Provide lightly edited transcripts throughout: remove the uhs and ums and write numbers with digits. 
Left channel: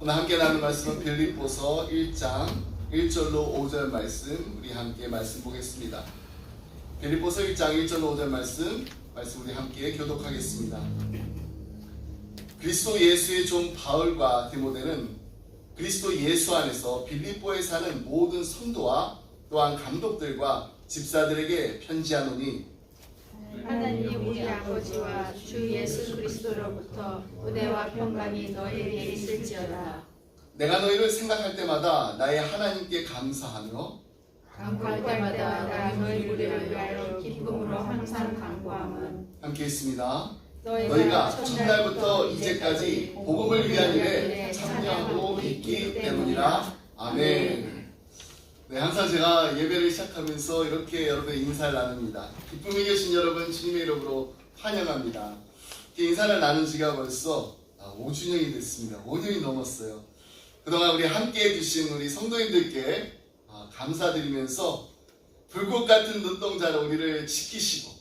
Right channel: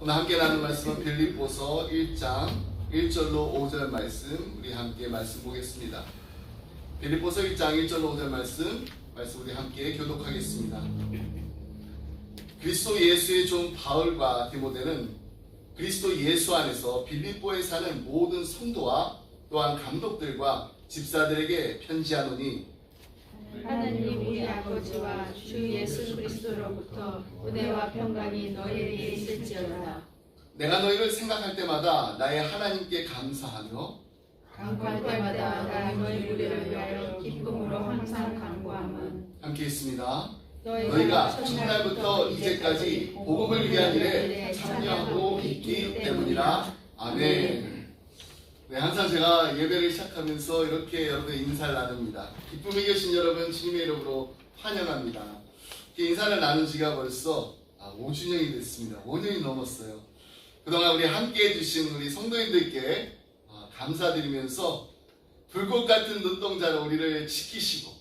오늘 함께 나눌 말씀은 빌립보서 1장 1절로 5절 말씀, 우리 함께 말씀 보겠습니다. 빌립보서 1장 1절로 5절 말씀 우리 함께 교독하겠습니다. 그리스도 예수의 종 바울과 디모데는 그리스도 예수 안에서 빌립보에 사는 모든 성도와 또한 감독들과 집사들에게 편지하노니, 하나님 우리 아버지와 주 예수 그리스도로부터 은혜와 평강이 너희에게 있을지어다. 내가 너희를 생각할 때마다 나의 하나님께 감사하며 간구할 때마다 너희를 위하여 기쁨으로 항상 간구함은, 함께 있습니다. 너희가 첫날부터 이제까지 복음을 위한 일에 참여하고 있기 때문이라. 아멘. 네, 항상 제가 예배를 시작하면서 이렇게 여러분의 인사를 나눕니다. 기쁨이 계신 여러분 주님의 이름으로 환영합니다. 인사를 나눈 지가 벌써 5주년이 됐습니다. 5년이 넘었어요. 그동안 우리 함께 해주신 우리 성도님들께 감사드리면서 불꽃 같은 눈동자로 우리를 지키시고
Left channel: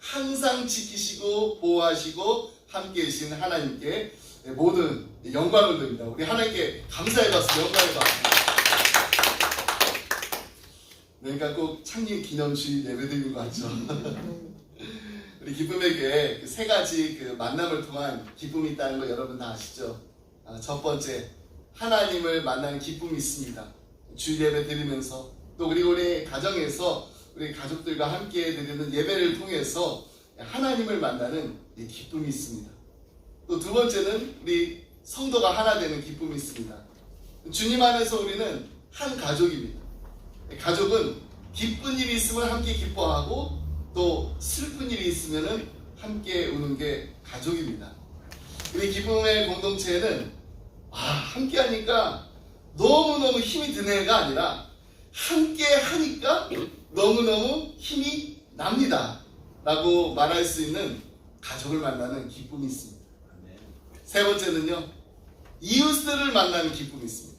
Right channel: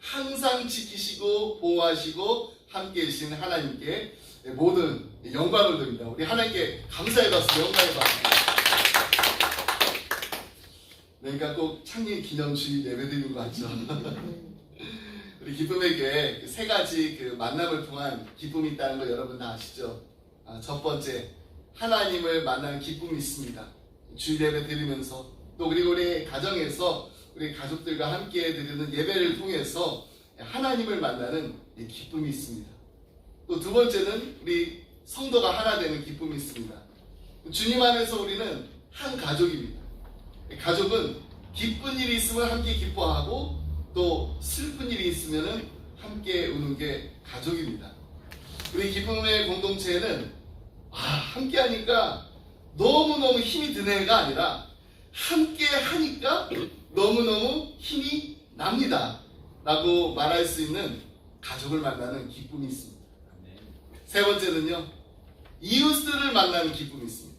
항상 지키시고 보호하시고 함께 해주신 하나님께 모든 영광을 드립니다. 우리 하나님께 감사의 박수, 영광의 박수. 그러니까 꼭 창립 기념 주일 예배 드리는 것 같죠. 우리 기쁨의 교회 세 가지 만남을 통한 기쁨이 있다는 거 여러분 다 아시죠? 첫 번째, 하나님을 만나는 기쁨이 있습니다. 주일 예배 드리면서 또 그리고 우리 가정에서 우리 가족들과 함께 드리는 예배를 통해서 하나님을 만나는 기쁨이 있습니다. 또 두 번째는 우리 성도가 하나 되는 기쁨이 있습니다. 주님 안에서 우리는 한 가족입니다. 가족은 기쁜 일이 있으면 함께 기뻐하고 또 슬픈 일이 있으면 함께 우는 게 가족입니다. 우리 기쁨의 공동체에는 함께 하니까 너무너무 힘이 드네가 아니라 함께 하니까 너무너무 힘이 납니다 라고 말할 수 있는 가족을 만나는 기쁨이 있습니다. 세 번째는요, 이웃들을 만나는 기쁨이 있습니다.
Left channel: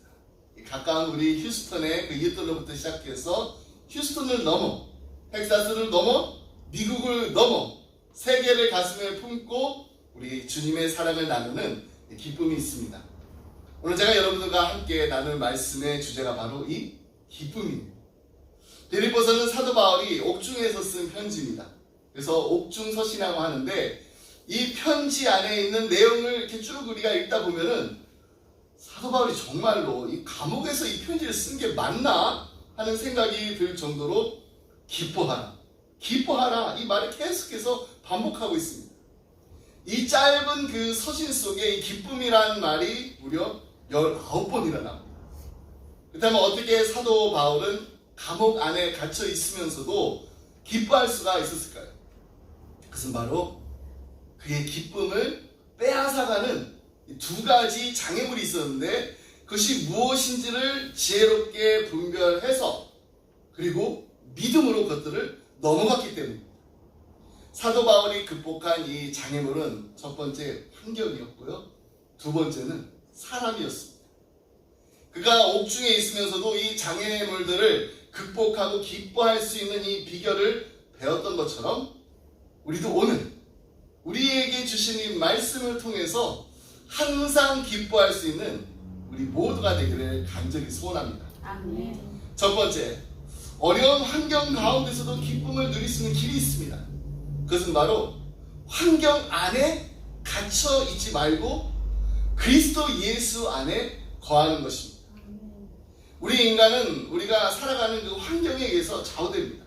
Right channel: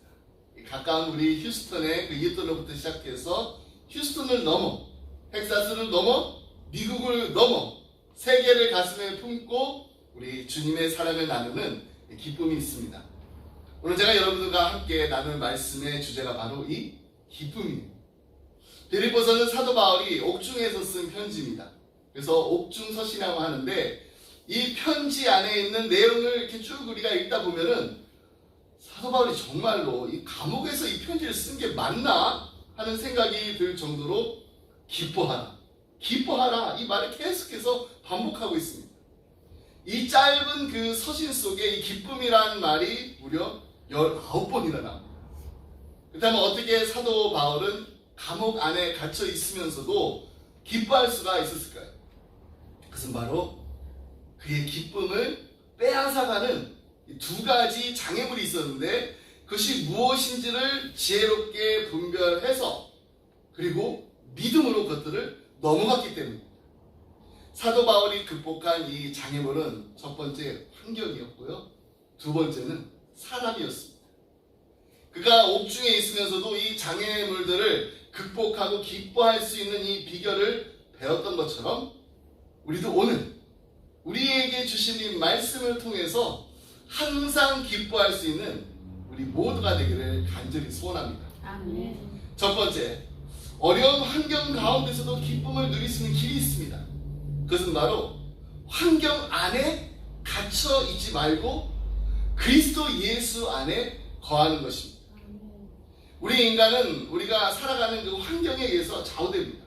가까운 우리 휴스턴의 이웃들로부터 시작해서 휴스턴을 넘어 텍사스를 넘어 미국을 넘어 세계를 가슴에 품고 우리 주님의 사랑을 나누는 기쁨이 있습니다. 오늘 제가 여러분들과 함께 나눌 말씀의 주제가 바로 이 기쁨입니다. 빌립보서는 사도 바울이 옥중에서 쓴 편지입니다. 그래서 옥중서신이라고 하는데 이 편지 안에 있는 내용을 이렇게 쭉 우리가 읽다 보면은 사도 바울이 정말로 이 감옥에서 이 편지를 쓴 게 맞나 하는 생각이 들 정도로 기뻐하라, 기뻐하라 이 말을 계속해서 반복하고 있습니다. 이 짧은 서신 속에 이 기쁨이라는 말이 무려 19번이나 나옵니다. 그렇다면 어떻게 사도 바울은 감옥 안에 갇혀 있으면서도 기뻐할 수가 있었을까요? 그것은 바로 그의 기쁨을 빼앗아가는 두 가지 장애물이 있었는데 그것이 무엇인지를 지혜롭게 분별해서 그리고 믿음으로 그것들을 넘어갔기 때문입니다. 사도 바울이 극복한 이 장애물은 첫 번째 환경이었고요, 두 번째는 사람이었습니다. 그가 옥중에 있으면서도 이 장애물들을 극복하고 기뻐할 수 있는 이 비결을 배웠던 것처럼 우리도 오늘 우리에게 주신 이 말씀을 통해서 항상 기뻐할 수 있는 우리 모두가 되기를 간절히 소원합니다. 아멘. 첫 번째, 어려운 환경 가운데서도 기쁨을 누릴 수 있는 길이 있습니다. 그것은 바로 환경 안에 갇혀 있지 말고 그리스도 예수 안에 거하는 것입니다. 우리 인간은 우리가 살아가는 그 환경에 의해서 좌우됩니다.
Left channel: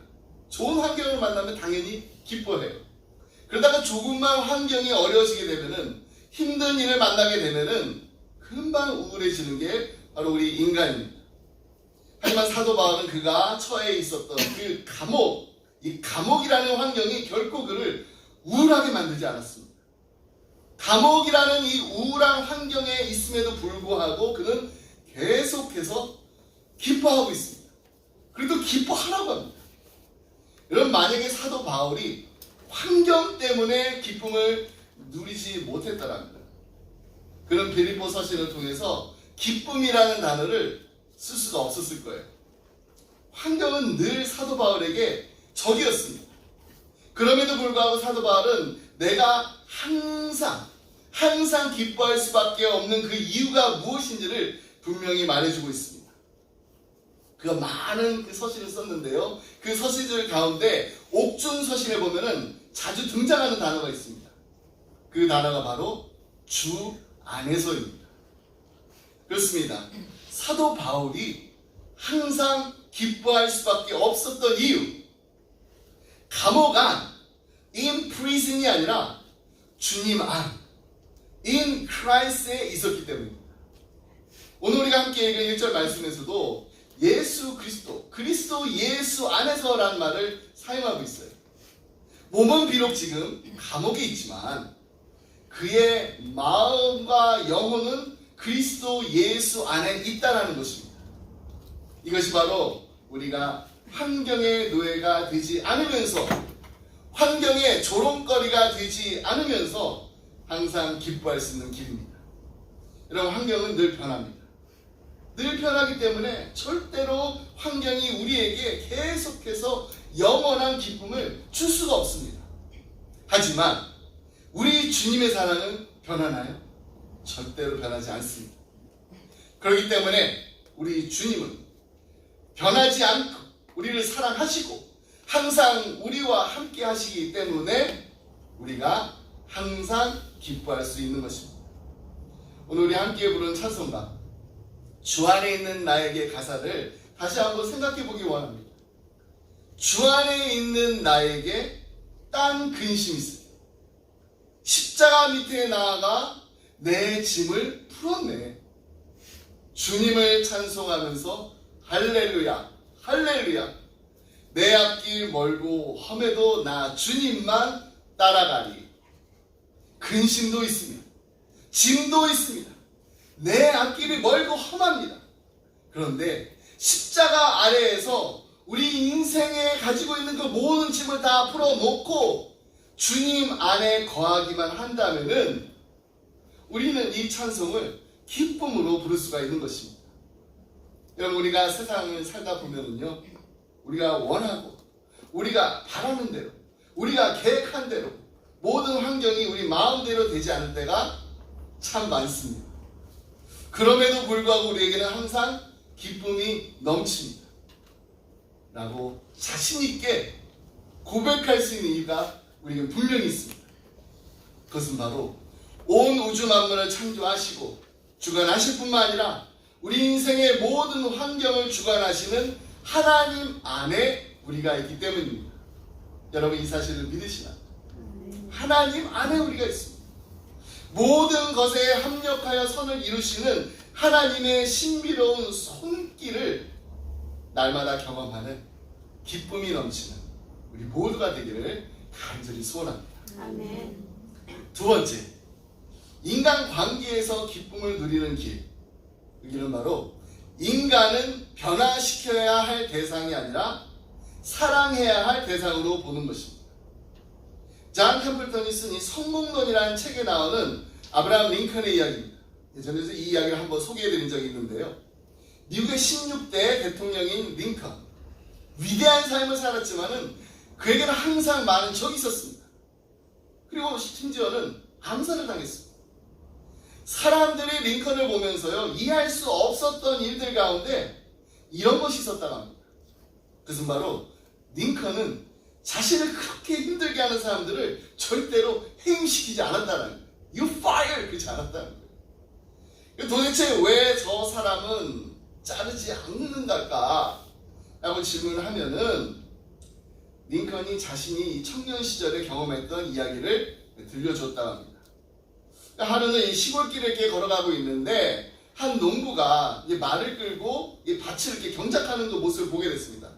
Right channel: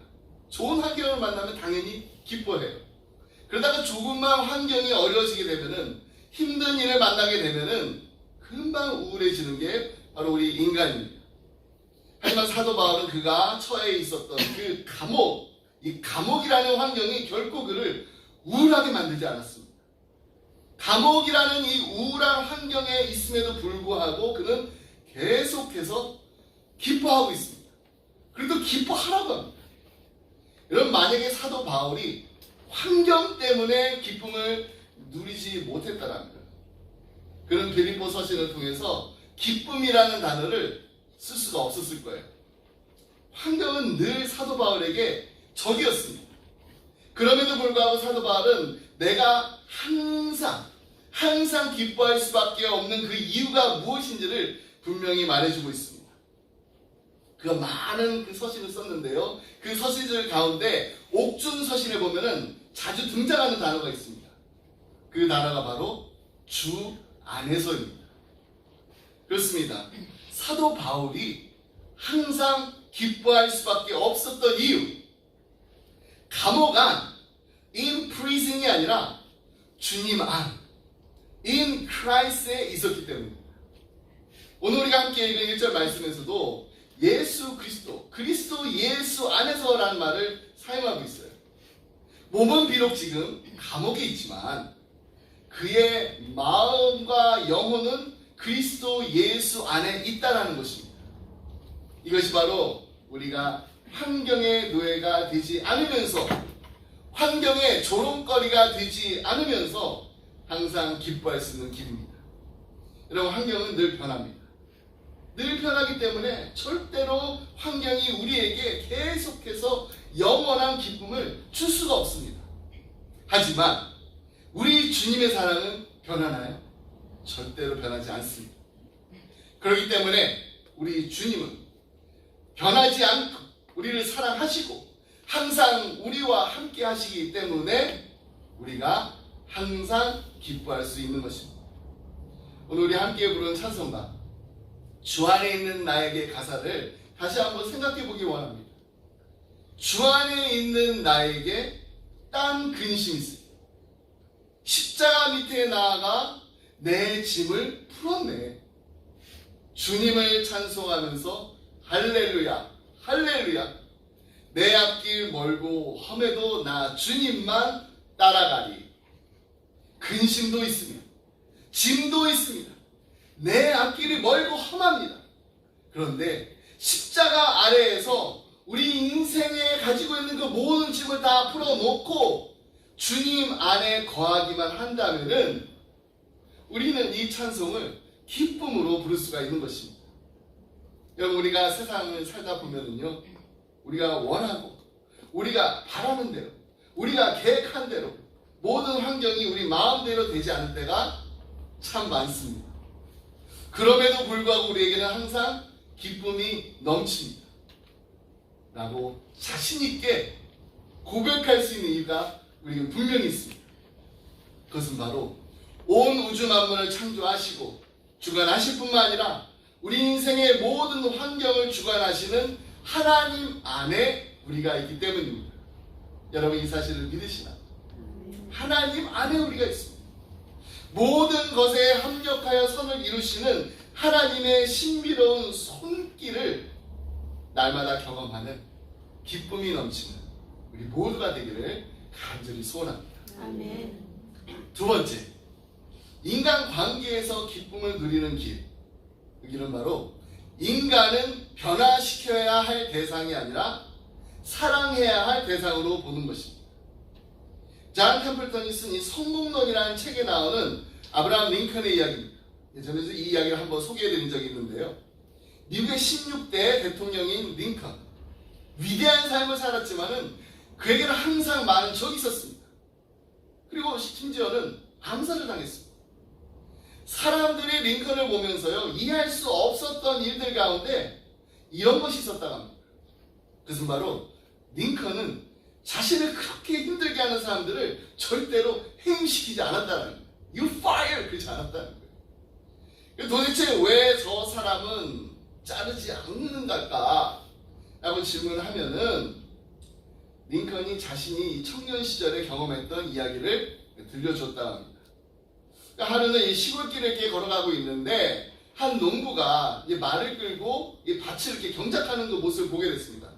좋은 환경을 만나면 당연히 기뻐해요. 그러다가 조금만 환경이 어려워지게 되면은 힘든 일을 만나게 되면은 금방 우울해지는 게 바로 우리 인간입니다. 하지만 사도 바울은 그가 처해 있었던 그 감옥, 이 감옥이라는 환경이 결코 그를 우울하게 만들지 않았습니다. 감옥이라는 이 우울한 환경에 있음에도 불구하고 그는 계속해서 기뻐하고 있습니다. 그래도 기뻐하라고 합니다. 여러분, 만약에 사도 바울이 환경 때문에 기쁨을 누리지 못했다라는 거예요. 그는 빌립보 서신을 통해서 기쁨이라는 단어를 쓸 수가 없었을 거예요. 환경은 늘 사도 바울에게 적이었습니다. 그럼에도 불구하고 사도 바울은 내가 항상 기뻐할 수밖에 없는 그 이유가 무엇인지를 분명히 말해주고 있습니다. 그가 많은 그 서신을 썼는데요. 그 서신들 가운데 옥중 서신에 보면은 자주 등장하는 단어가 있습니다. 그 단어가 바로 주 안에서입니다. 그렇습니다. 사도 바울이 항상 기뻐할 수밖에 없었던 이유, 감옥 안, in prison이 아니라 주님 안, in Christ에 있었기 때문입니다. 오늘 우리가 함께 읽은 1절 말씀에서도 예수 그리스도, 그리스도 예수 안에서라는 말을 사용하고 있어요. 몸은 비록 지금 감옥에 있지만 그의 마음과 영혼은 그리스도 예수 안에 있다는 것입니다. 이것이 바로 우리가 환경의 노예가 되지 않으면서, 환경의 조롱거리가 되지 않으면서 항상 기뻐할 수 있는 길입니다. 여러분, 환경은 늘 변합니다. 늘 변하기 때문에 절대로 환경이 우리에게 계속해서 영원한 기쁨을 줄 수가 없습니다. 하지만 우리 주님의 사랑은 변하나요? 절대로 변하지 않습니다. 그렇기 때문에 우리 주님은 변하지 않고 우리를 사랑하시고 항상 우리와 함께 하시기 때문에 우리가 항상 기뻐할 수 있는 것입니다. 오늘 우리 함께 부르는 찬송가 주 안에 있는 나에게 가사를 다시 한번 생각해 보기 원합니다. 주 안에 있는 나에게 딴 근심이 있어요. 십자가 밑에 나아가 내 짐을 풀었네. 주님을 찬송하면서 할렐루야 할렐루야, 내 앞길 멀고 험해도 나 주님만 따라가리. 근심도 있습니다. 짐도 있습니다. 내 앞길이 멀고 험합니다. 그런데 십자가 아래에서 우리 인생에 가지고 있는 그 모든 짐을 다 풀어놓고 주님 안에 거하기만 한다면은 우리는 이 찬송을 기쁨으로 부를 수가 있는 것입니다. 여러분, 우리가 세상을 살다 보면은요, 우리가 원하고 우리가 바라는 대로, 우리가 계획한 대로 모든 환경이 우리 마음대로 되지 않을 때가 참 많습니다. 그럼에도 불구하고 우리에게는 항상 기쁨이 넘칩니다. 라고 자신 있게 고백할 수 있는 이유가 우리에게 분명히 있습니다. 그것은 바로 온 우주 만물을 창조하시고 주관하실 뿐만 아니라 우리 인생의 모든 환경을 주관하시는 하나님 안에 우리가 있기 때문입니다. 여러분, 이 사실을 믿으시나요? 하나님 안에 우리가 있습니다. 모든 것에 합력하여 선을 이루시는 하나님의 신비로운 손길을 날마다 경험하는 기쁨이 넘치는 우리 모두가 되기를 간절히 소원합니다. 아멘. 두 번째, 인간 관계에서 기쁨을 누리는 길. 그 길은 바로 인간은 변화시켜야 할 대상이 아니라 사랑해야 할 대상으로 보는 것입니다. 존 캠플턴이 쓴 이 성공론이라는 책에 나오는 아브라함 링컨의 이야기입니다. 예전에 이 이야기를 한번 소개해드린 적이 있는데요. 미국의 16대 대통령인 링컨, 위대한 삶을 살았지만은 그에게는 항상 많은 적이 있었습니다. 그리고 심지어는 암살을 당했습니다. 사람들이 링컨을 보면서요, 이해할 수 없었던 일들 가운데 이런 것이 있었다고 합니다. 그것은 바로 링컨은 자신을 그렇게 힘들게 하는 사람들을 절대로 해임시키지 않았다는 거예요. You fire! 그러지 않았다는 거예요. 도대체 왜 저 사람은 자르지 않는가? 라고 질문을 하면은 링컨이 자신이 청년 시절에 경험했던 이야기를 들려줬다고 합니다. 하루는 이 시골길을 이렇게 걸어가고 있는데 한 농부가 말을 끌고 밭을 이렇게 경작하는 그 모습을 보게 됐습니다.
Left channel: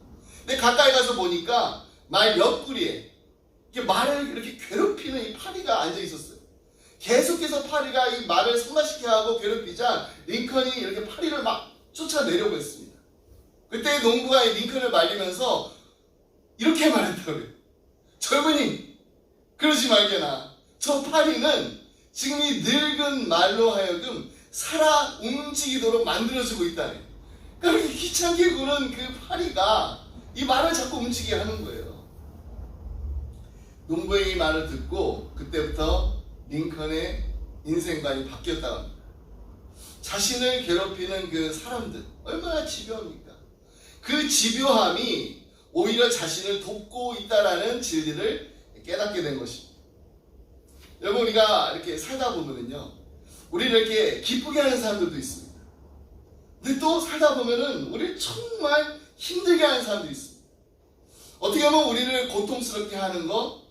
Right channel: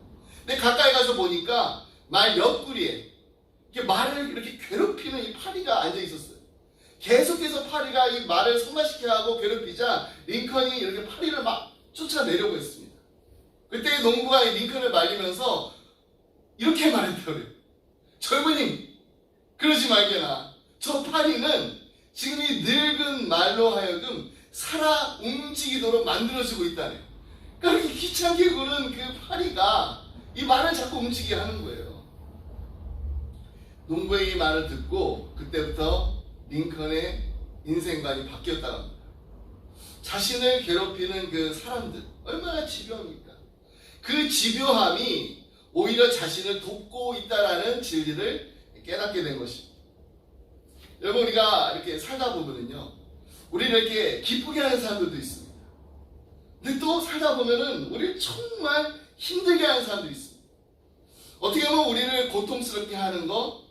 근데 가까이 가서 보니까 말 옆구리에 말을 이렇게 괴롭히는 이 파리가 앉아 있었어요. 계속해서 파리가 이 말을 성가시켜 하고 괴롭히자 링컨이 이렇게 파리를 막 쫓아내려고 했습니다. 그때 농부가 이 링컨을 말리면서 이렇게 말했더라고요. 젊은이, 그러지 말게나. 저 파리는 지금 이 늙은 말로 하여금 살아 움직이도록 만들어주고 있다네. 그러니까 귀찮게 구는 그 파리가 이 말을 자꾸 움직이게 하는 거예요. 농부의 이 말을 듣고 그때부터 링컨의 인생관이 바뀌었다고 합니다. 자신을 괴롭히는 그 사람들 얼마나 집요합니까? 그 집요함이 오히려 자신을 돕고 있다라는 진리를 깨닫게 된 것입니다. 여러분, 우리가 이렇게 살다 보면은요, 우리는 이렇게 기쁘게 하는 사람들도 있습니다. 근데 또 살다 보면은 우리를 정말 힘들게 하는 사람도 있습니다. 어떻게 보면 우리를 고통스럽게 하는 거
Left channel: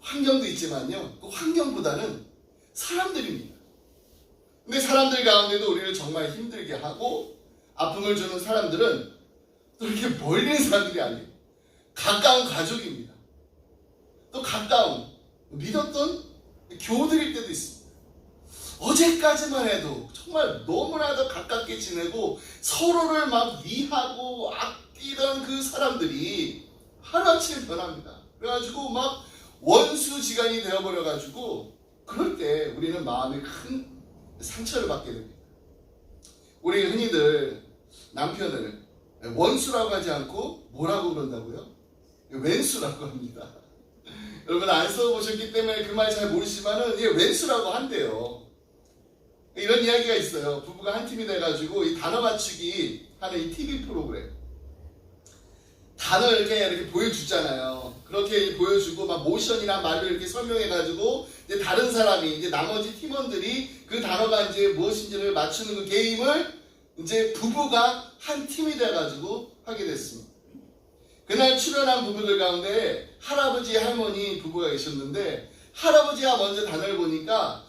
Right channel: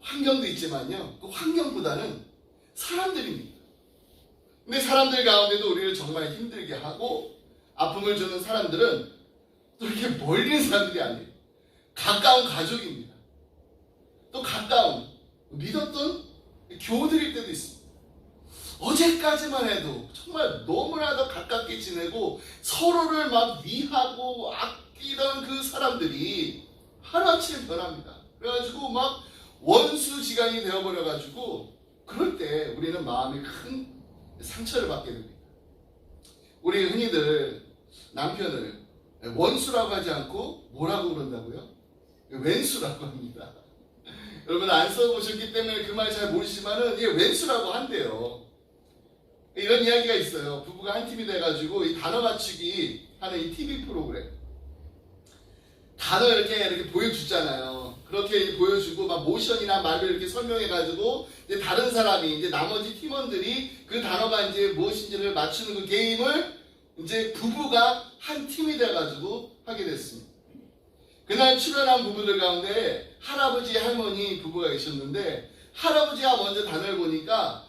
환경도 있지만요, 그 환경보다는 사람들입니다. 근데 사람들 가운데도 우리를 정말 힘들게 하고 아픔을 주는 사람들은 또 이렇게 멀리 있는 사람들이 아니에요. 가까운 가족입니다. 또 가까운 믿었던 교우들일 때도 있습니다. 어제까지만 해도 정말 너무나도 가깝게 지내고 서로를 막 위하고 아끼던 그 사람들이 하루아침에 변합니다. 그래가지고 막 원수지간이 되어버려가지고 그럴 때 우리는 마음에 큰 상처를 받게 됩니다. 우리 흔히들 남편을 원수라고 하지 않고 뭐라고 그런다고요? 왼수라고 합니다. 여러분 안 써보셨기 때문에 그 말 잘 모르시지만은 이게 왼수라고 한대요. 이런 이야기가 있어요. 부부가 한 팀이 돼가지고 이 단어 맞추기 하는 이 TV 프로그램. 단어 이렇게 보여주잖아요. 그렇게 보여주고 막 모션이나 말을 이렇게 설명해가지고 이제 다른 사람이 이제 나머지 팀원들이 그 단어가 이제 무엇인지를 맞추는 그 게임을 이제 부부가 한 팀이 돼가지고 하게 됐습니다. 그날 출연한 부부들 가운데 할아버지, 할머니 부부가 계셨는데 할아버지가 먼저 단어를 보니까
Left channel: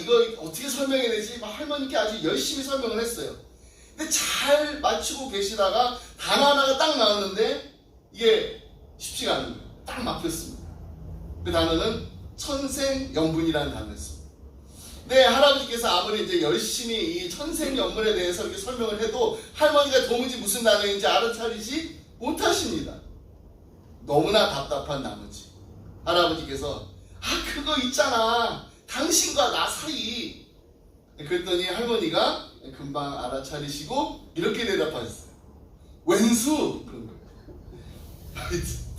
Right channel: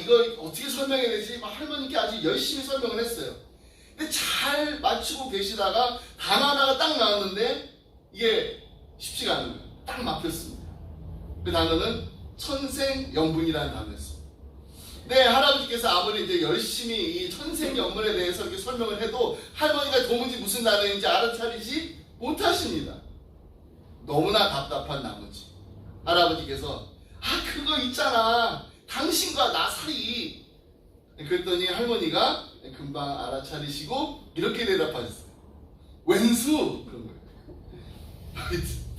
이거 어떻게 설명해야 되지? 막 할머니께 아주 열심히 설명을 했어요. 근데 잘 맞추고 계시다가 단어 하나가 딱 나왔는데 이게 쉽지가 않은 거예요. 딱 막혔습니다. 그 단어는 천생연분이라는 단어였습니다. 근데 할아버지께서 아무리 이제 열심히 이 천생연분에 대해서 이렇게 설명을 해도 할머니가 도무지 무슨 단어인지 알아차리지 못하십니다. 너무나 답답한 나머지 할아버지께서 그거 있잖아, 당신과 나 사이. 그랬더니 할머니가 금방 알아차리시고 이렇게 대답하셨어요. 왼수. 그런 거예요.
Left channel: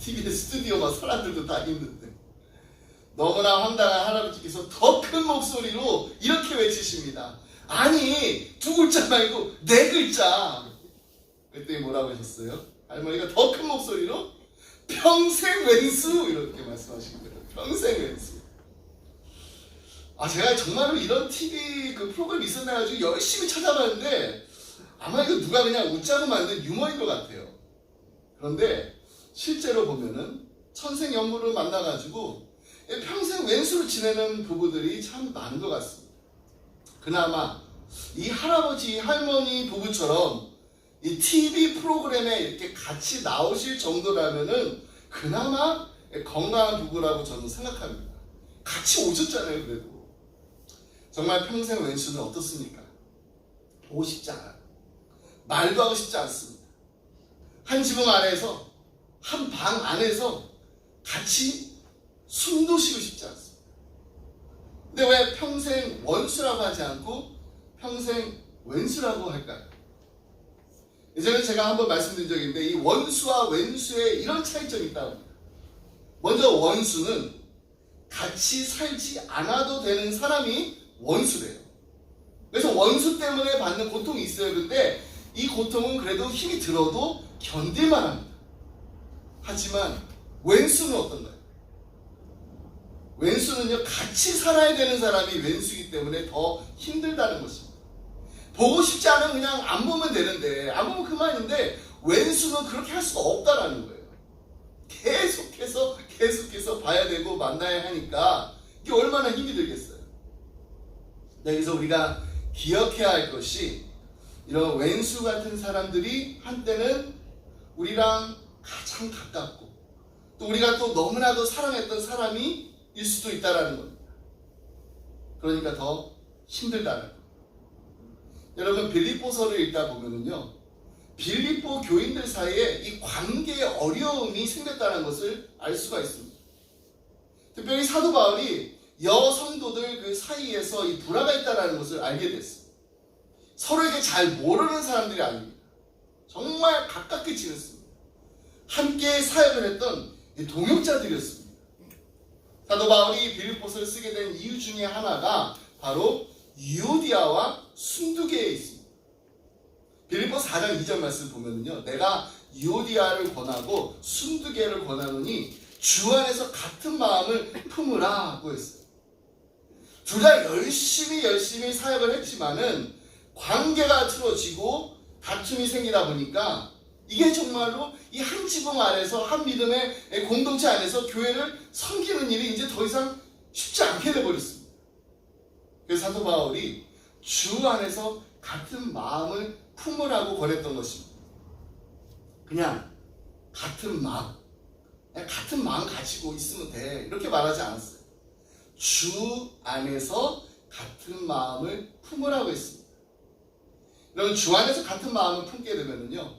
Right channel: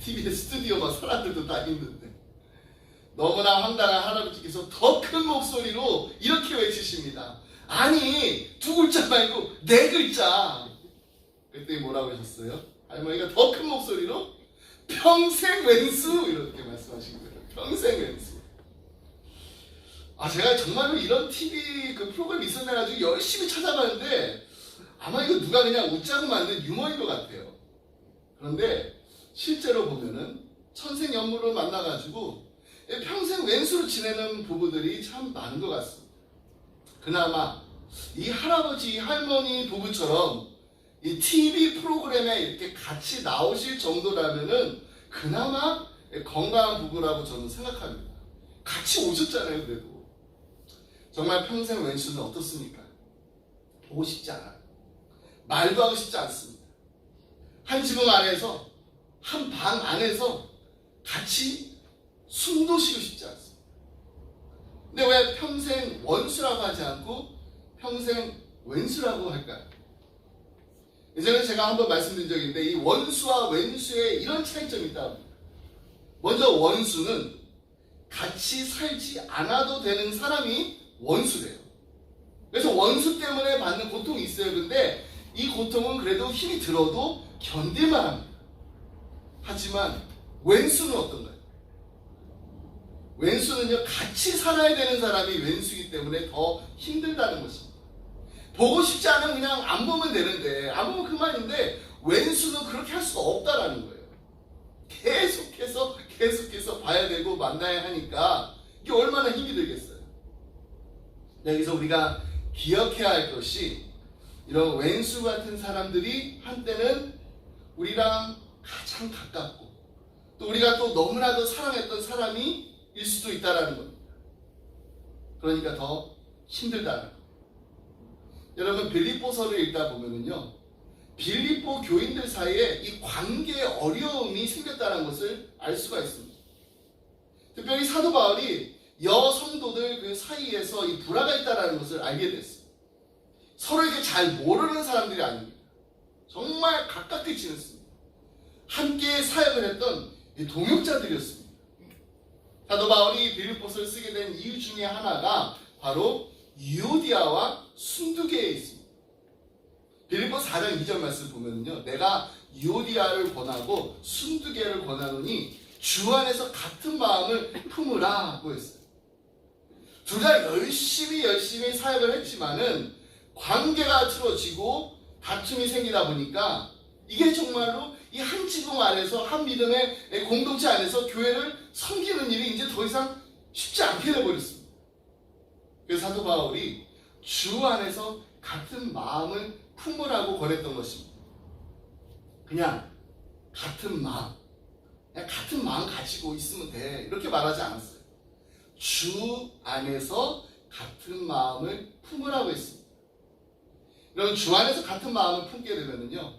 TV에 스튜디오만 사람들도 다 있는데 너무나 황당한 할아버지께서 더 큰 목소리로 이렇게 외치십니다. 아니, 두 글자 말고 네 글자. 그때 뭐라고 하셨어요? 할머니가 더 큰 목소리로 평생 왼수 이렇게 말씀하신 거예요. 평생 왼수. 제가 정말로 이런 TV 그 프로그램이 있었나가지고 열심히 찾아봤는데 아마 이거 누가 그냥 웃자고 만든 유머인 것 같아요. 그런데 실제로 보면은 천생연분으로 만나가지고 평생 왼수로 지내는 부부들이 참 많은 것 같습니다. 그나마 이 할아버지, 할머니 부부처럼 이 TV 프로그램에 이렇게 같이 나오실 정도라면은 그나마 건강한 부부라고 저는 생각합니다. 같이 오셨잖아요, 그래도. 정말 평생 왼수는 어떻습니까? 보고 싶지 않아요. 말도 하고 싶지 않습니다. 한 지붕 안에서, 한 방 안에서 같이 숨도 쉬고 싶지 않습니다. 근데 왜 평생 원수라고 하지 않고 평생 왼수라고 할까요? 예전에 제가 한번 말씀드린 적이 있는데 이 원수와 왼수에 이런 차이점이 있다고 합니다. 먼저 원수는 같이 살지 않아도 되는 사람이 원수래요. 그래서 원수 때문에 받는 고통이 있어요. 근데 이 고통은 그래도 힘이 들어도 견딜만 합니다. 하지만 왼수는 어떤가요? 왼수는요, 같이 살아야 되는 사람이 왼수이기 때문에 더 힘들다는 것입니다. 보고 싶지 않으면 그냥 안 보면 되는데, 안 보면 그만인데 왼수는 그렇게 할 수가 없다라는 거예요. 계속해서 봐야 되고 만나야 하니까 이게 얼마나 힘이 들겠어요. 여기서 우리가 기억해야 할 것이 이런 왼수 같은 사람들이 한때는 우리랑 가장 가깝고 또 우리가 또 너무나도 사랑했던 사람이 일 수도 있다라는 겁니다. 그러니까 더 힘들다는 겁니다. 여러분 빌립보서를 읽다 보면은요, 빌립보 교인들 사이에 이 관계의 어려움이 생겼다는 것을 알 수가 있습니다. 특별히 사도 바울이 여성도들 그 사이에서 이 불화가 있다는 것을 알게 됐습니다. 서로에게 잘 모르는 사람들이 아닙니다. 정말 가깝게 지냈습니다. 함께 사역을 했던 동역자들이었습니다. 사도 바울이 빌립보서를 쓰게 된 이유 중에 하나가 바로 유오디아와 순두개에 있습니다. 빌립보 4장 2절 말씀 보면요, 내가 유오디아를 권하고 순두개를 권하노니 주 안에서 같은 마음을 품으라고 했어요. 둘 다 열심히 사역을 했지만은 관계가 틀어지고 다툼이 생기다 보니까 이게 정말로 이 한 지붕 안에서, 한 믿음의 공동체 안에서 교회를 섬기는 일이 이제 더 이상 쉽지 않게 돼버렸습니다. 그래서 사도 바울이 주 안에서 같은 마음을 품으라고 권했던 것입니다. 그냥 같은 마음, 그냥 같은 마음 가지고 있으면 돼, 이렇게 말하지 않았어요. 주 안에서 같은 마음을 품으라고 했습니다. 여러분, 주 안에서 같은 마음을 품게 되면요,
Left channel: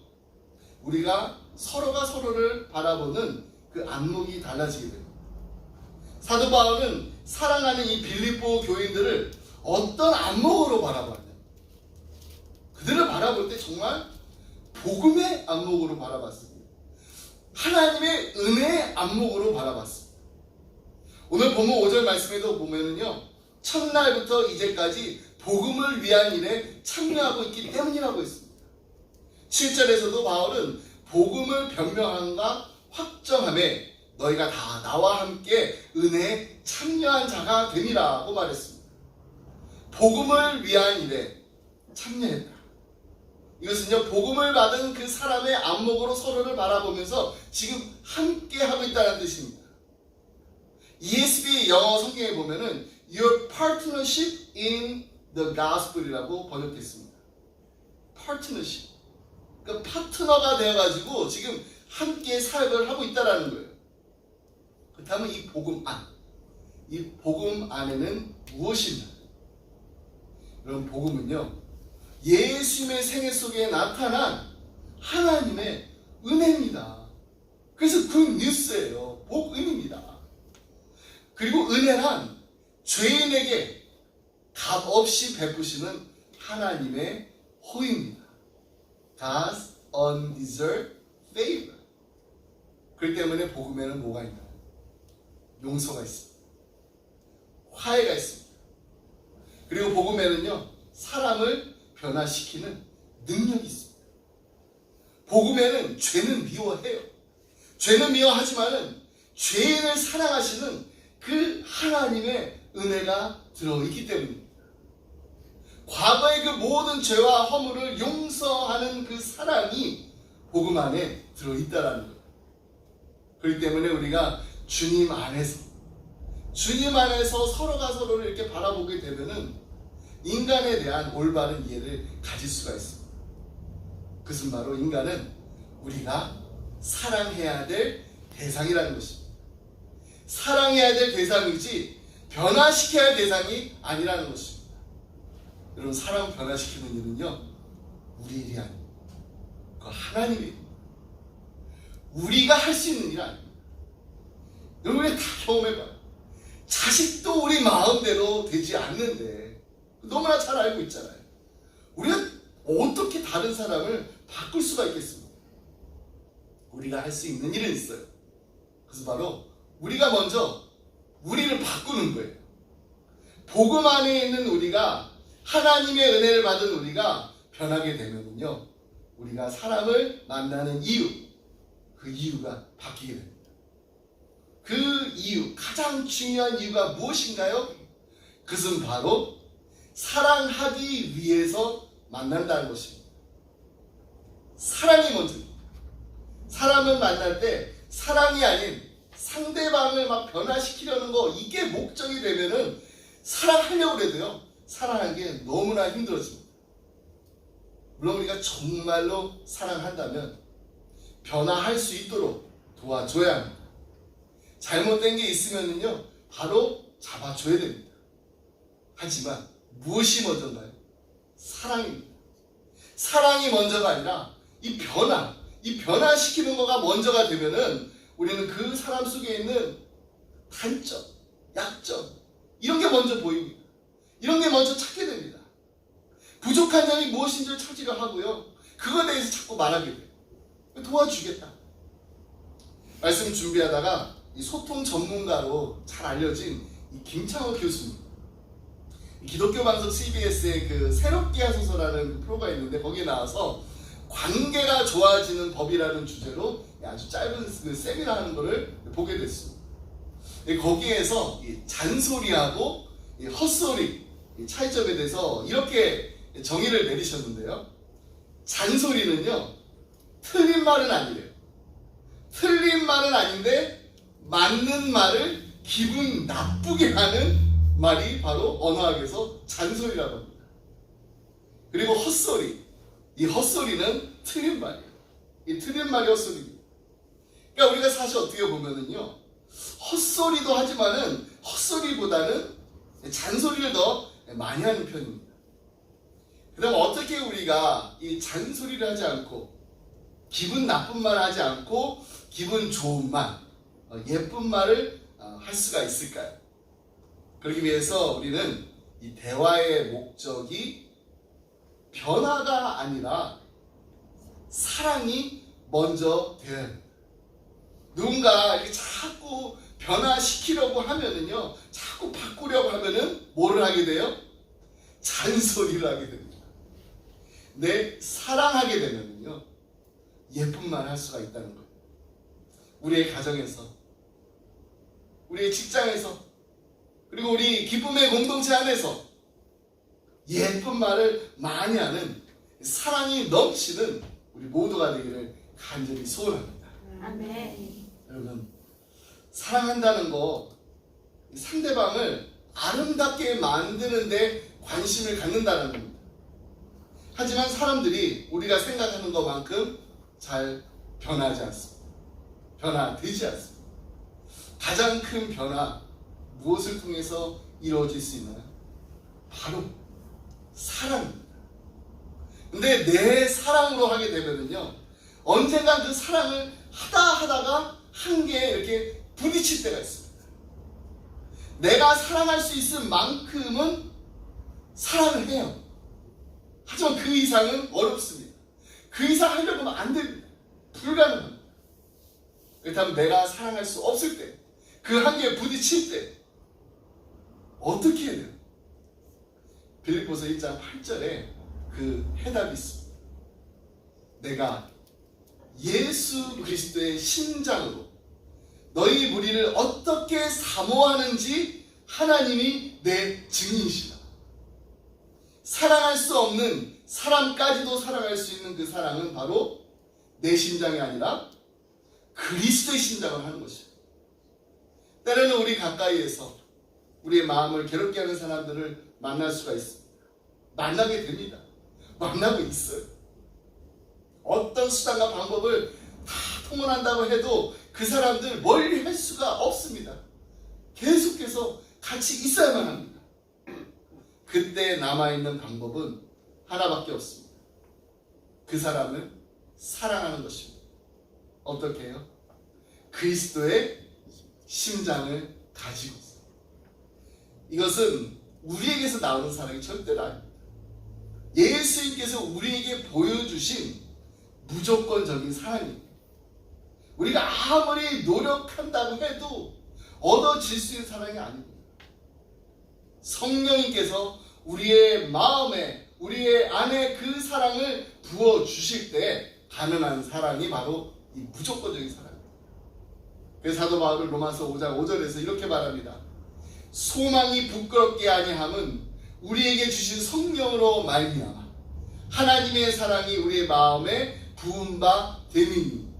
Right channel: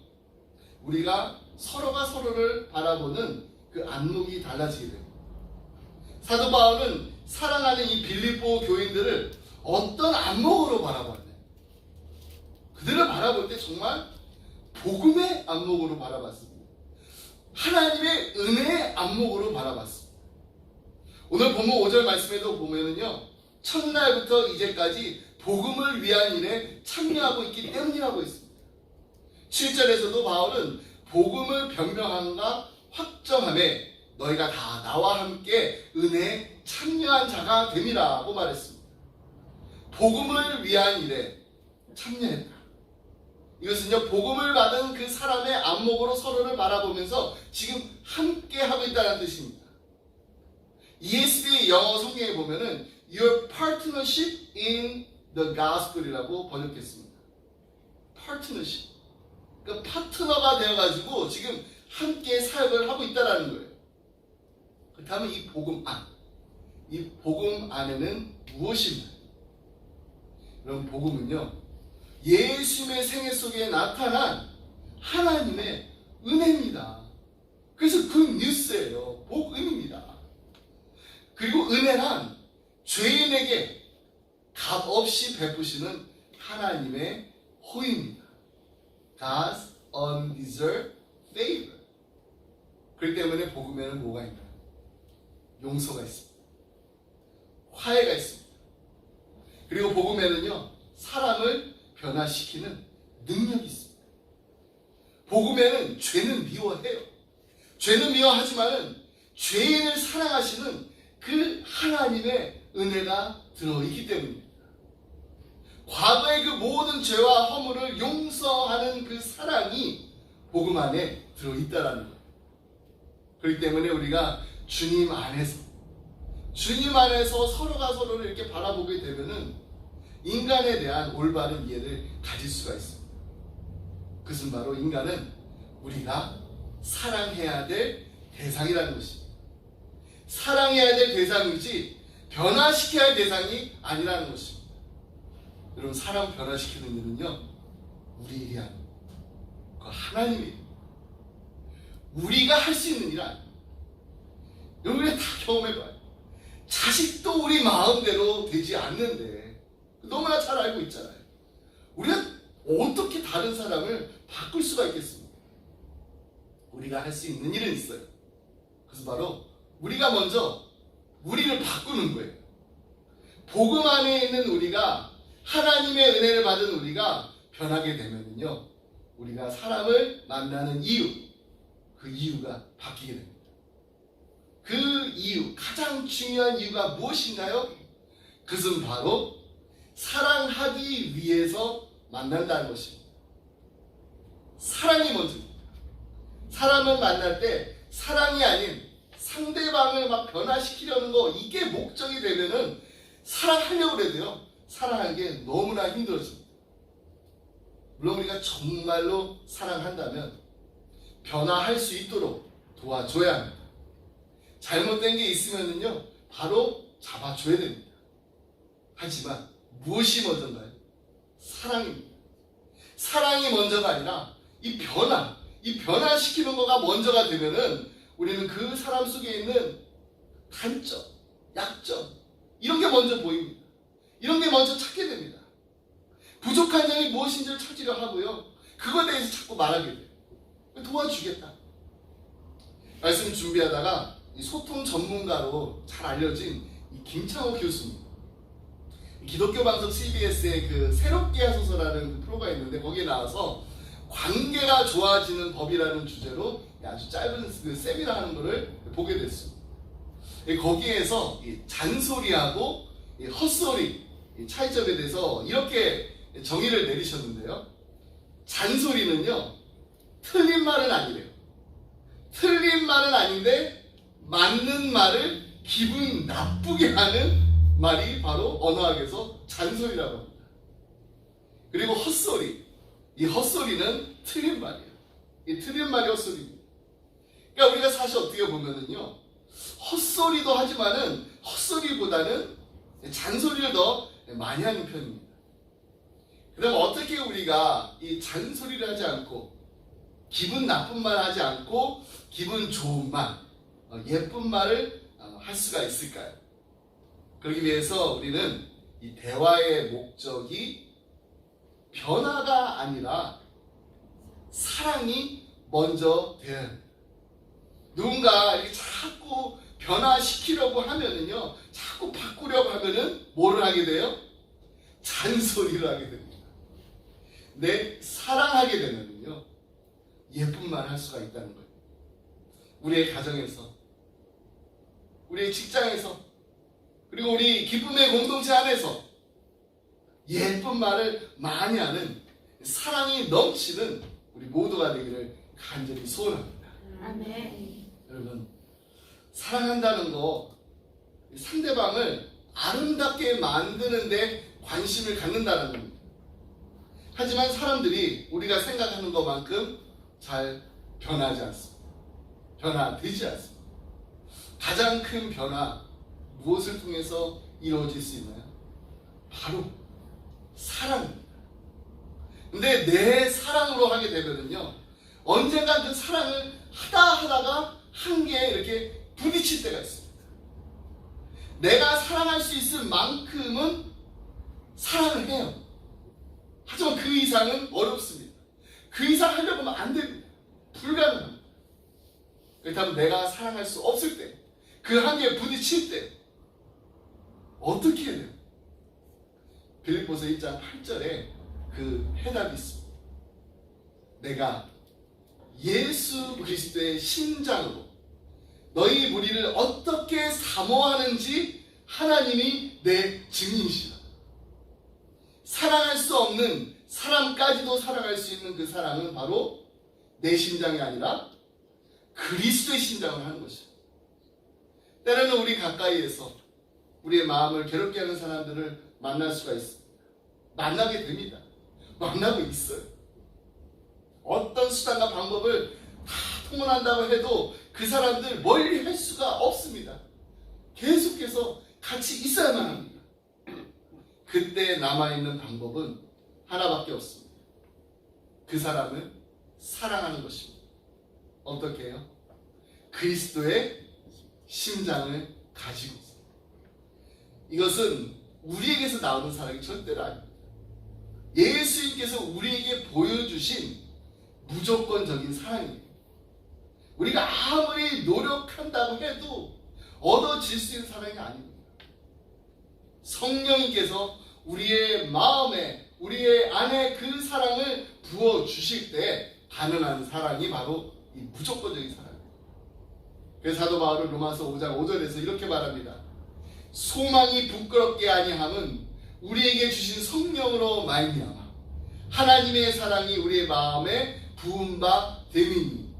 우리가 서로가 서로를 바라보는 그 안목이 달라지게 됩니다. 사도 바울은 사랑하는 이 빌립보 교인들을 어떤 안목으로 바라봤냐? 그들을 바라볼 때 정말 복음의 안목으로 바라봤습니다. 하나님의 은혜의 안목으로 바라봤습니다. 오늘 본문 5절 말씀에도 보면은요, 첫날부터 이제까지 복음을 위한 일에 참여하고 있기 때문이라고 했습니다. 7절에서도 바울은 복음을 변명함과 확정함에 너희가 다 나와 함께 은혜에 참여한 자가 됨이라고 말했습니다. 복음을 위한 일에 참여했다. 이것은요, 복음을 받은 그 사람의 안목으로 서로를 바라보면서 지금 함께 하고 있다는 뜻입니다. ESV 영어 성경에 보면은 Your partnership in the gospel이라고 번역했습니다. partnership. 그러니까 파트너가 되어가지고 지금 함께 사역을 하고 있다는 거예요. 그렇다면 이 복음 안에는 무엇인가? 여러분, 복음은요, 예수님의 생애 속에 나타난 하나님의 은혜입니다. 그래서 그 뉴스예요. 복음입니다. 그리고 은혜란 죄인에게 값없이 베푸시는 하나님의 호의입니다. God's undeserved favor. 그렇기 때문에 복음에는 뭐가 있나요? 용서가 있습니다. 화해가 있습니다. 그리고 복음에는요, 사람을 변화시키는 능력이 있습니다. 복음에는 죄는 미워해요. 죄는 미워하지만은 죄인을 사랑하시는 그 하나님의 은혜가 들어있기 때문입니다. 과거의 그 모든 죄와 허물을 용서하는 그 사랑이 복음 안에 들어있다라는 거예요. 그렇기 때문에 우리가 주님 안에서 서로가 서로를 이렇게 바라보게 되면은 인간에 대한 올바른 이해를 가질 수가 있습니다. 그것은 바로 인간은 우리가 사랑해야 될 대상이라는 것입니다. 사랑해야 될 대상이지 변화시켜야 할 대상이 아니라는 것입니다. 여러분, 사람 변화시키는 일은요, 우리 일이 아닙니다. 그 하나님의 일. 우리가 할 수 있는 일 아닙니다. 여러분이 다 경험해봐요. 자식도 우리 마음대로 되지 않는데 너무나 잘 알고 있잖아요. 우리가 어떻게 다른 사람을 바꿀 수가 있겠습니까? 우리가 할 수 있는 일은 있어요. 그래서 바로 우리가 먼저 우리를 바꾸는 거예요. 복음 안에 있는 우리가, 하나님의 은혜를 받은 우리가 변하게 되면요, 우리가 사람을 만나는 이유, 그 이유가 바뀌게 됩니다. 그 이유, 가장 중요한 이유가 무엇인가요? 그것은 바로 사랑하기 위해서 만난다는 것입니다. 사랑이 먼저입니다. 사람을 만날 때 사랑이 아닌 상대방을 막 변화시키려는 거, 이게 목적이 되면은 사랑하려고 해도요, 사랑하는 게 너무나 힘들어집니다. 물론 우리가 정말로 사랑한다면 변화할 수 있도록 도와줘야 합니다. 잘못된 게 있으면요, 바로 잡아줘야 됩니다. 하지만 무엇이 먼저인가요? 사랑입니다. 사랑이 먼저가 아니라 이 변화시키는 거가 먼저가 되면은 우리는 그 사람 속에 있는 단점, 약점, 이런 게 먼저 보입니다. 이런 게 먼저 찾게 됩니다. 부족한 점이 무엇인지를 찾으려 하고요, 그거에 대해서 자꾸 말하게 돼요. 도와주겠다. 말씀 준비하다가 이 소통 전문가로 잘 알려진 이 김창호 교수님, 기독교 방송 CBS의 그 새롭게 하소서라는 프로가 있는데 거기에 나와서 관계가 좋아지는 법이라는 주제로 아주 짧은 그 세미나 하는 거를 보게 됐습니다. 거기에서 이 잔소리하고 이 헛소리 이 차이점에 대해서 이렇게 정의를 내리셨는데요. 잔소리는요, 틀린 말은 아니래요. 틀린 말은 아닌데 맞는 말을 기분 나쁘게 하는 말이 바로 언어학에서 잔소리라고 합니다. 그리고 헛소리, 이 헛소리는 틀린 말이에요. 이 틀린 말이 헛소리입니다. 그러니까 우리가 사실 어떻게 보면은요, 헛소리도 하지만은 헛소리보다는 잔소리를 더 많이 하는 편입니다. 그럼 어떻게 우리가 이 잔소리를 하지 않고 기분 나쁜 말 하지 않고 기분 좋은 말, 예쁜 말을 할 수가 있을까요? 그러기 위해서 우리는 이 대화의 목적이 변화가 아니라 사랑이 먼저 되어야 합니다. 누군가 이렇게 자꾸 변화시키려고 하면은요, 자꾸 바꾸려고 하면은 뭐를 하게 돼요? 잔소리를 하게 됩니다. 내 사랑하게 되면은요, 예쁜 말 할 수가 있다는 거예요. 우리의 가정에서, 우리의 직장에서, 그리고 우리 기쁨의 공동체 안에서 예쁜 말을 많이 하는 사랑이 넘치는 우리 모두가 되기를 간절히 소원합니다. 아멘. 여러분, 사랑한다는 거 상대방을 아름답게 만드는데 관심을 갖는다는 겁니다. 하지만 사람들이 우리가 생각하는 것만큼 잘 변하지 않습니다. 변화되지 않습니다. 가장 큰 변화, 무엇을 통해서 이루어질 수 있나요? 바로 사랑입니다. 근데 내 사랑으로 하게 되면은요, 언젠가 그 사랑을 하다가 한계에 이렇게 부딪힐 때가 있습니다. 내가 사랑할 수 있을 만큼은 사랑을 해요. 하지만 그 이상은 어렵습니다. 그 이상 하려고 하면 안 됩니다. 불가능합니다. 그렇다면 내가 사랑할 수 없을 때, 그 한계에 부딪힐 때 어떻게 해야 돼요? 빌립보서 1장 8절에 그 해답이 있습니다. 내가 예수 그리스도의 심장으로 너희 무리를 어떻게 사모하는지 하나님이 내 증인이시다. 사랑할 수 없는 사람까지도 사랑할 수 있는 그 사랑은 바로 내 심장이 아니라 그리스도의 심장을 하는 것입니다. 때로는 우리 가까이에서 우리의 마음을 괴롭게 하는 사람들을 만날 수가 있습니다. 만나게 됩니다. 만나고 있어요. 어떤 수단과 방법을 다 통원한다고 해도 그 사람들 멀리 할 수가 없습니다. 계속해서 같이 있어야만 합니다. 그때 남아있는 방법은 하나밖에 없습니다. 그 사람을 사랑하는 것입니다. 어떻게 해요? 그리스도의 심장을 가지고 있습니다. 이것은 우리에게서 나오는 사랑이 절대로 아닙니다. 예수님께서 우리에게 보여주신 무조건적인 사랑입니다. 우리가 아무리 노력한다고 해도 얻어질 수 있는 사랑이 아닙니다. 성령님께서 우리의 마음에, 우리의 안에 그 사랑을 부어주실 때 가능한 사랑이 바로 이 무조건적인 사랑입니다. 그래서 사도 바울은 로마서 5장 5절에서 이렇게 말합니다. 소망이 부끄럽게 아니함은 우리에게 주신 성령으로 말미암아 하나님의 사랑이 우리의 마음에 부은 바 됨이니,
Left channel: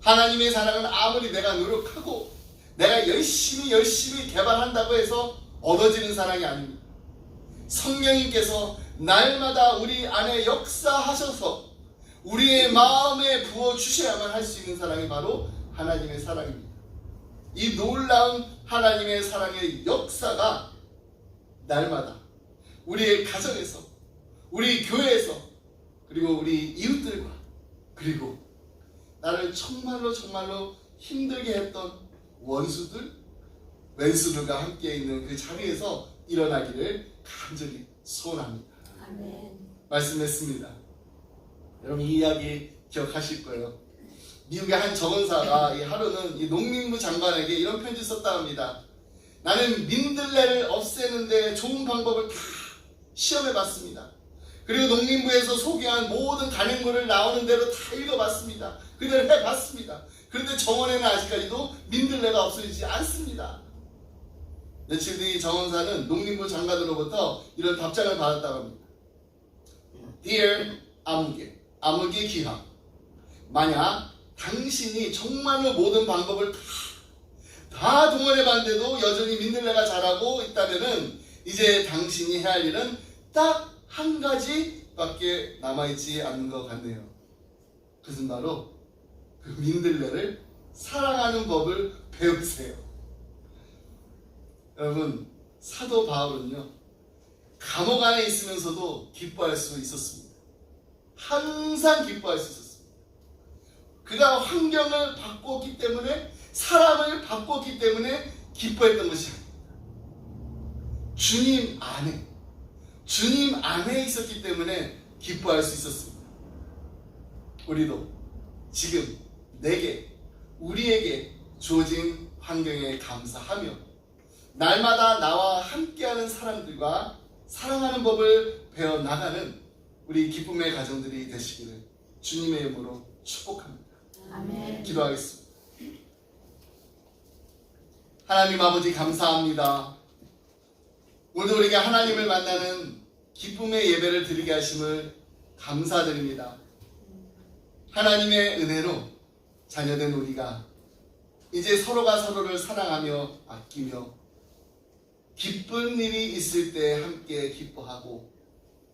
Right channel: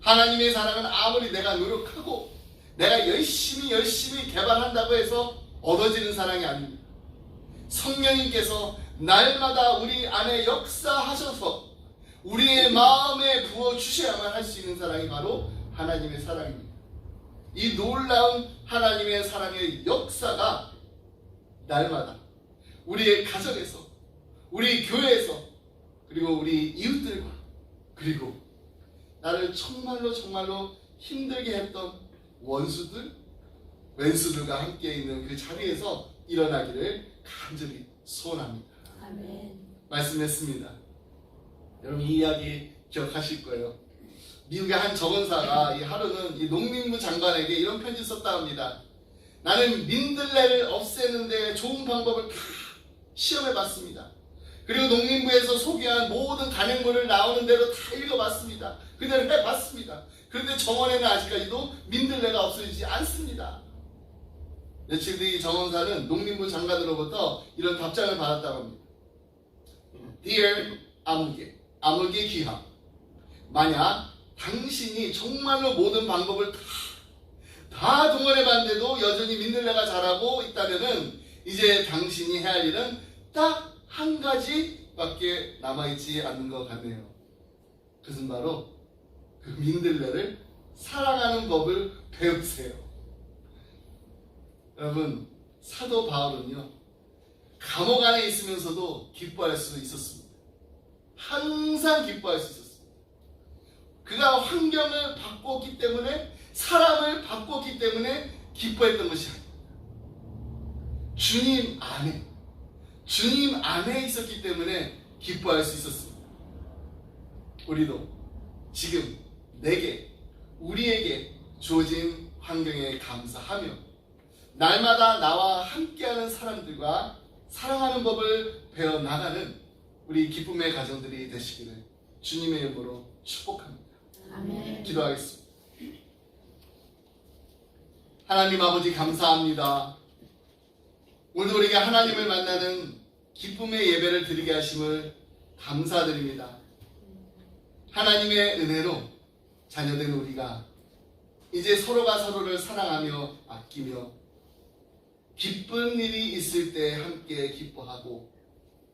하나님의 사랑은 아무리 내가 노력하고 내가 열심히 개발한다고 해서 얻어지는 사랑이 아닙니다. 성령님께서 날마다 우리 안에 역사하셔서 우리의 마음에 부어주셔야만 할 수 있는 사랑이 바로 하나님의 사랑입니다. 이 놀라운 하나님의 사랑의 역사가 날마다 우리의 가정에서, 우리 교회에서, 그리고 우리 이웃들과, 그리고 나를 정말로 힘들게 했던 원수들, 왼수들과 함께 있는 그 자리에서 일어나기를 간절히 소원합니다. 아멘. 말씀했습니다. 여러분 이 이야기 기억하실 거예요. 미국의 한 정원사가 이 하루는 이 농림부 장관에게 이런 편지 썼다 합니다. 나는 민들레를 없애는데 좋은 방법을 다 시험해봤습니다. 그리고 농림부에서 소개한 모든 간행물을 나오는 대로 다 읽어봤습니다. 그대로 해봤습니다. 그런데 정원에는 아직까지도 민들레가 없어지지 않습니다. 며칠 뒤 정원사는 농림부 장관으로부터 이런 답장을 받았다고 합니다. Dear 아무개 귀하, 만약 당신이 정말로 모든 방법을 다 동원해봤는데도 여전히 민들레가 자라고 있다면은 이제 당신이 해야 할 일은 딱 한 가지밖에 남아있지 않는 것 같네요. 그것은 바로 그 민들레를 사랑하는 법을 배우세요. 여러분, 사도 바울은요, 감옥 안에 있으면서도 기뻐할 수 있었습니다. 항상 기뻐할 수 있었습니다. 그가 환경을 바꿨기 때문에, 사람을 바꿨기 때문에 기뻐했던 것이 아닙니다. 주님 안에 있었기 때문에 기뻐할 수 있었습니다. 우리도 지금 우리에게 주어진 환경에 감사하며 날마다 나와 함께하는 사람들과 사랑하는 법을 배워나가는 우리 기쁨의 가정들이 되시기를 주님의 이름으로 축복합니다. 아멘. 기도하겠습니다. 하나님 아버지 감사합니다. 오늘도 우리가 하나님을 만나는 기쁨의 예배를 드리게 하심을 감사드립니다. 하나님의 은혜로 자녀된 우리가 이제 서로가 서로를 사랑하며 아끼며 기쁜 일이 있을 때 함께 기뻐하고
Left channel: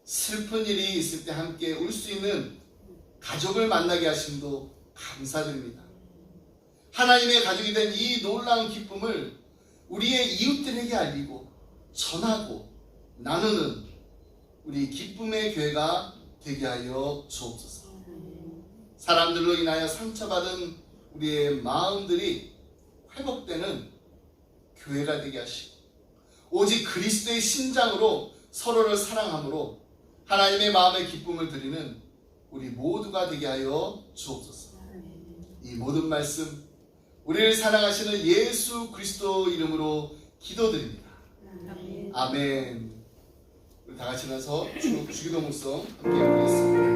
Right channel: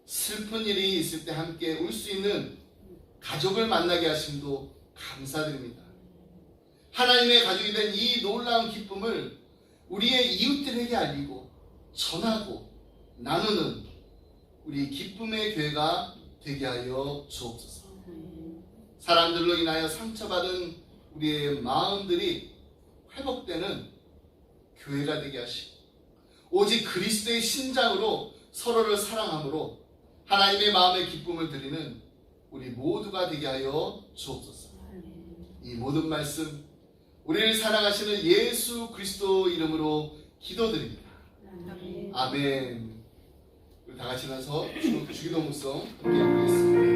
슬픈 일이 있을 때 함께 울 수 있는 가족을 만나게 하심도 감사드립니다. 하나님의 가족이 된 이 놀라운 기쁨을 우리의 이웃들에게 알리고 전하고 나누는 우리 기쁨의 교회가 되게 하여 주옵소서. 사람들로 인하여 상처받은 우리의 마음들이 회복되는 교회가 되게 하시고 오직 그리스도의 신장으로 서로를 사랑함으로 하나님의 마음의 기쁨을 드리는 우리 모두가 되게 하여 주옵소서. 이 모든 말씀 우리를 사랑하시는 예수 그리스도 이름으로 기도드립니다. 아멘. 우리 다 같이 나서 주기도문송 함께 하겠습니다.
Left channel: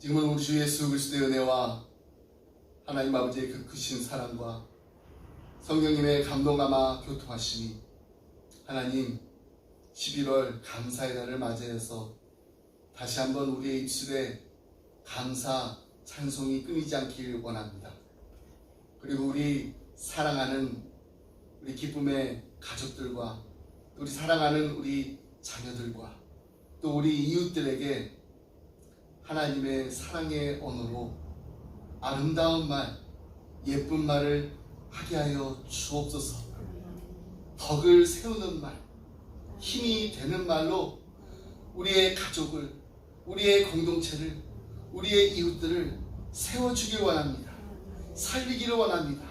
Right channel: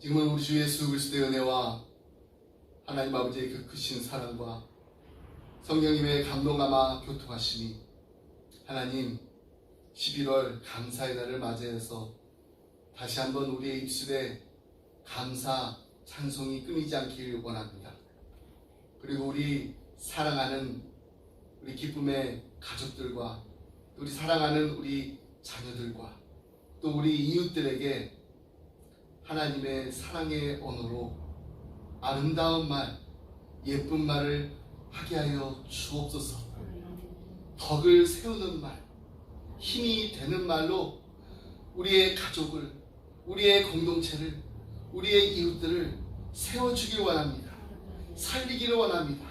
지금은 우리 주 예수 그리스도의 은혜와 하나님 아버지의 그 크신 사랑과 성령님의 감동감화 교통하심이 하나님 11월 감사의 날을 맞이해서 다시 한번 우리의 입술에 감사 찬송이 끊이지 않기를 원합니다. 그리고 우리 사랑하는 우리 기쁨의 가족들과 우리 사랑하는 우리 자녀들과 또 우리 이웃들에게 하나님의 사랑의 언어로 아름다운 말, 예쁜 말을 하게 하여 주옵소서. 덕을 세우는 말, 힘이 되는 말로 우리의 가족을, 우리의 공동체를, 우리의 이웃들을 세워주길 원합니다. 살리기를 원합니다.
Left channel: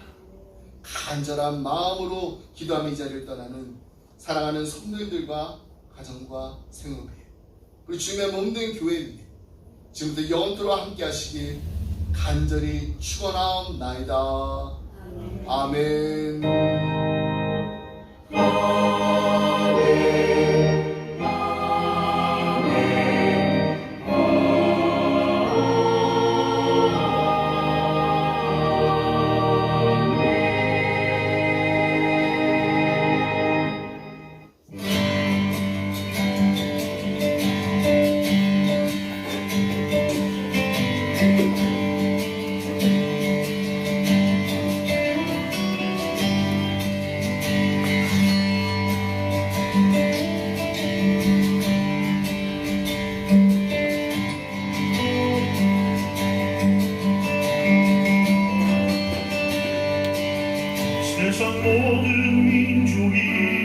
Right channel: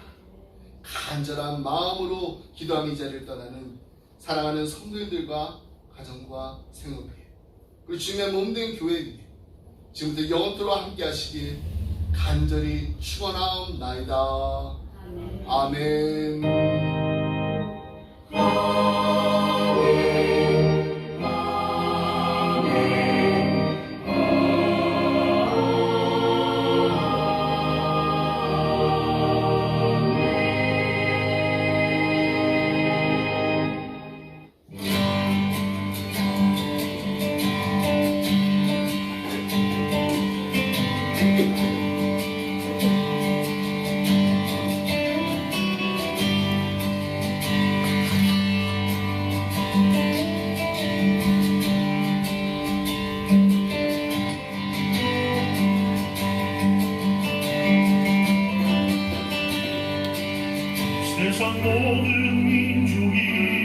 간절한 마음으로 기도하며 이 자리를 떠나는 사랑하는 성도들과 가정과 생업회, 그리고 주님의 몸된 교회 위에 지금부터 영원토록 함께 하시길 간절히 축원하옵나이다. 아멘. 세상 모든 민족이